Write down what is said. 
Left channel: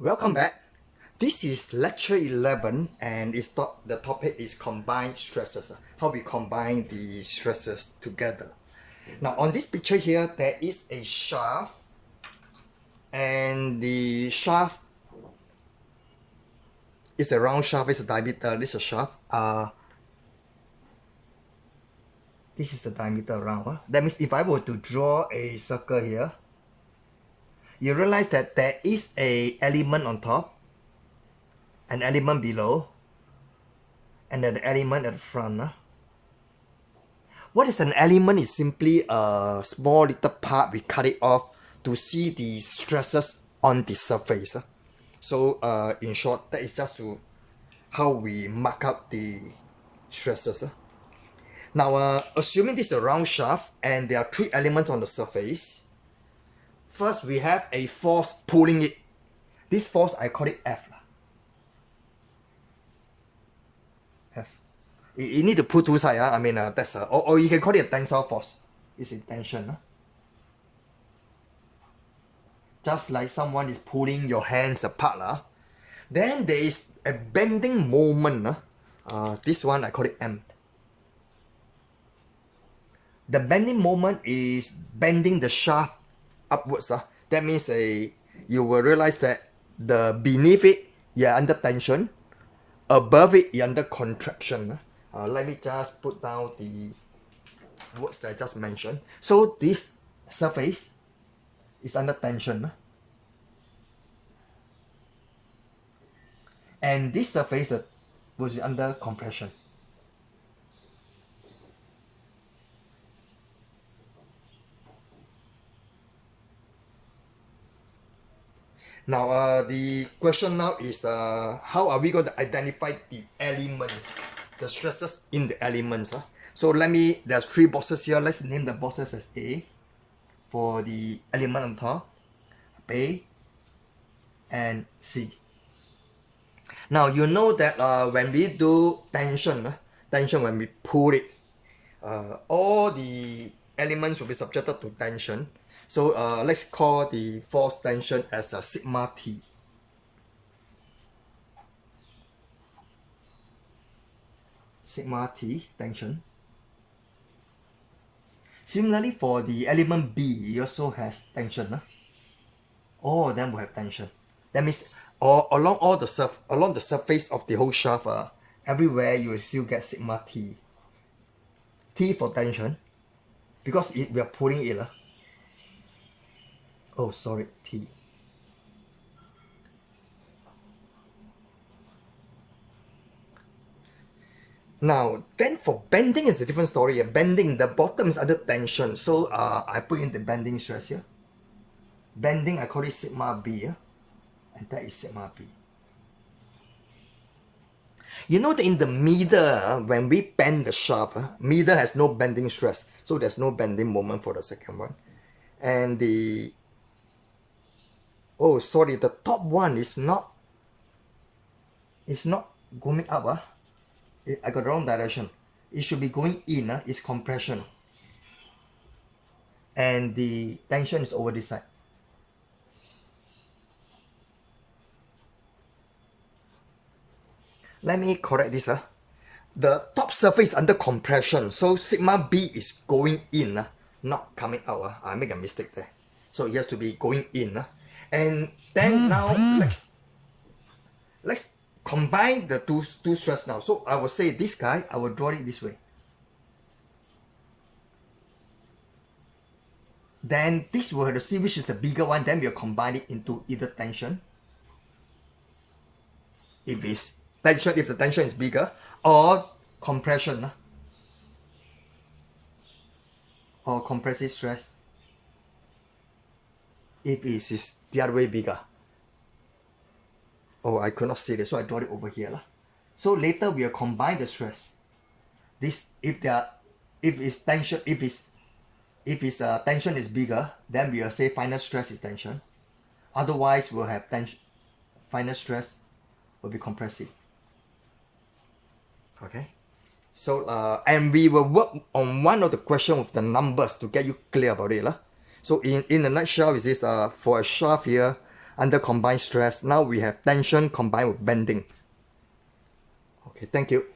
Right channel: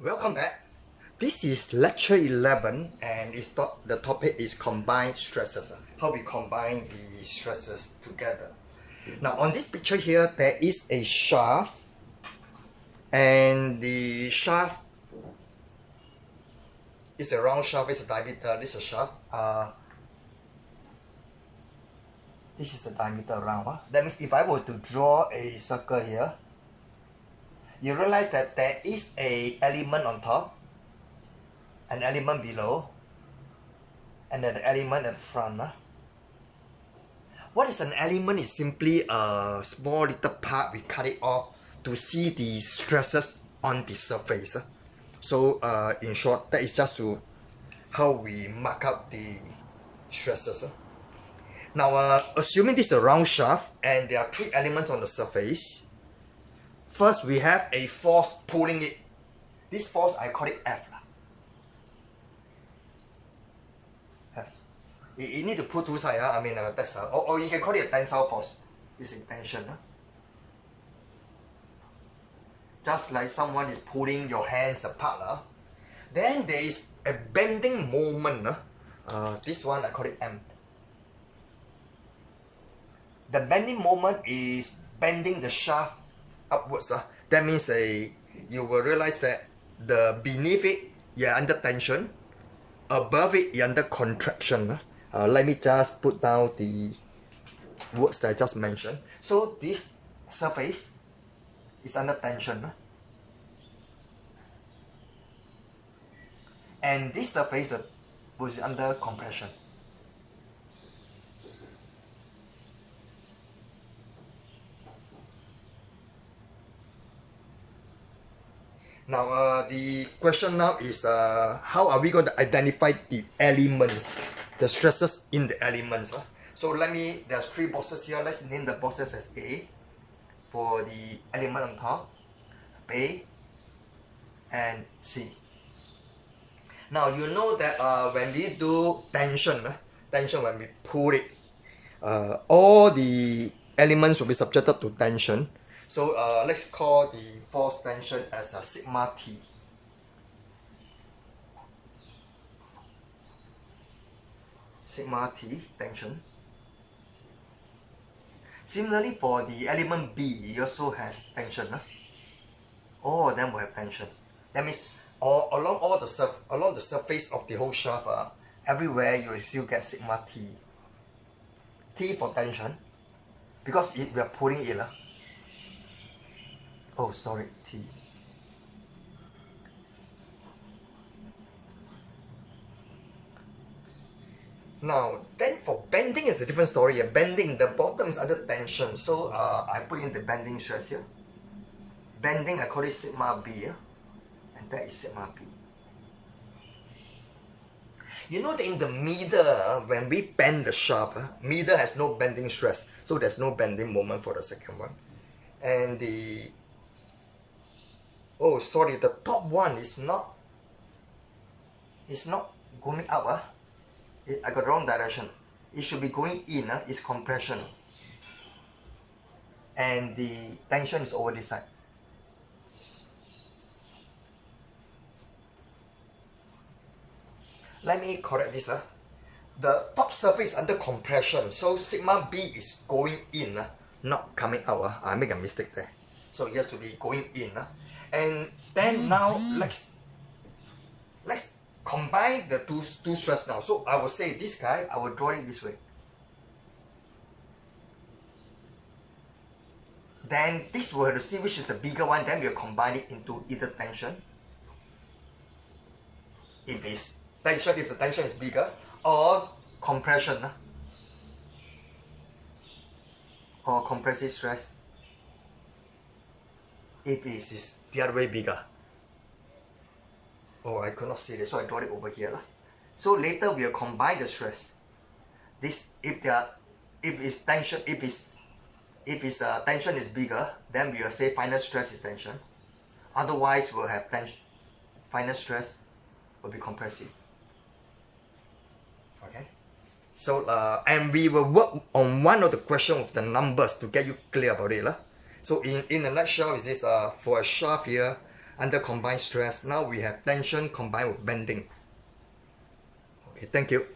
Welcome back. This is lecture 11 and the topic is combined stresses. How we combine the stresses together. Now on this picture here, there is a shaft and the shaft is a round shaft, it's a diameter, this is a shaft. This is the diameter around. That means if I were to draw a circle here, you realize that there is a element on top, an element below, and then the element at the front. What is an element is simply a small little part, we cut it off to see the stresses on the surface. So in short, that is just to how we mark up the stresses. Now assuming this is a round shaft and there are three elements on the surface. First, we have a force pulling it. This force, I call it F. F. You need to pull two sides. I mean, that's or you can call it a tensile force. It's a tension. Just like someone is pulling your hands apart. Then there is a bending moment. This one, I call it M. The bending moment is bending the shaft upwards. That means you will realize that the beneath it you're under tension, above it you're under contraction. Let me just put down the words that I just mentioned. So this surface is under tension, and this surface was under compression. Now the question now is how are we going to identify the elements, the stresses in the elements. So there's three boxes here. Let's name the boxes as A for the element on top, B and C. Now you know that when we do tension when we pull it, all the elements will be subjected to tension. So let's call the force tension as a sigma T. Sigma T tension. Similarly for the element B, it also has tension. All of them will have tension. That means along the surface of the whole shaft, everywhere you will still get sigma T. T for tension, because we are pulling it. Oh, sorry, T. Now, then for bending is a different story. Bending, the bottom is under tension. So I put in the bending stress here. Bending, I call it sigma B. And that is sigma B. You know that in the middle, when we bend the shaft, middle has no bending stress. So there's no bending moment for the second one. And the the top one is not going up. I got the wrong direction. It should be going in. It's compression. And the tension is over this side. Let me correct this. The top surface is under compression. So sigma B is going in, not coming out. I make a mistake there. So it has to be going in. And then now let's combine the two stress now. So I will say this guy, I will draw it this way. Then this will have to see which is the bigger one. Then we'll combine it into either tension, if the tension is bigger, or compression, or compressive stress, if it is the other way bigger. Oh, I could not see this, so I draw it over here. So later we will combine the stress. This if tension is bigger, then we will say final stress is tension. Otherwise we'll have final stress will be compressive. Okay. So and we will work on one of the questions with the numbers to get you clear about it. So in a nutshell, is this for a shaft here, under combined stress. Now we have tension combined with bending. Okay, thank you.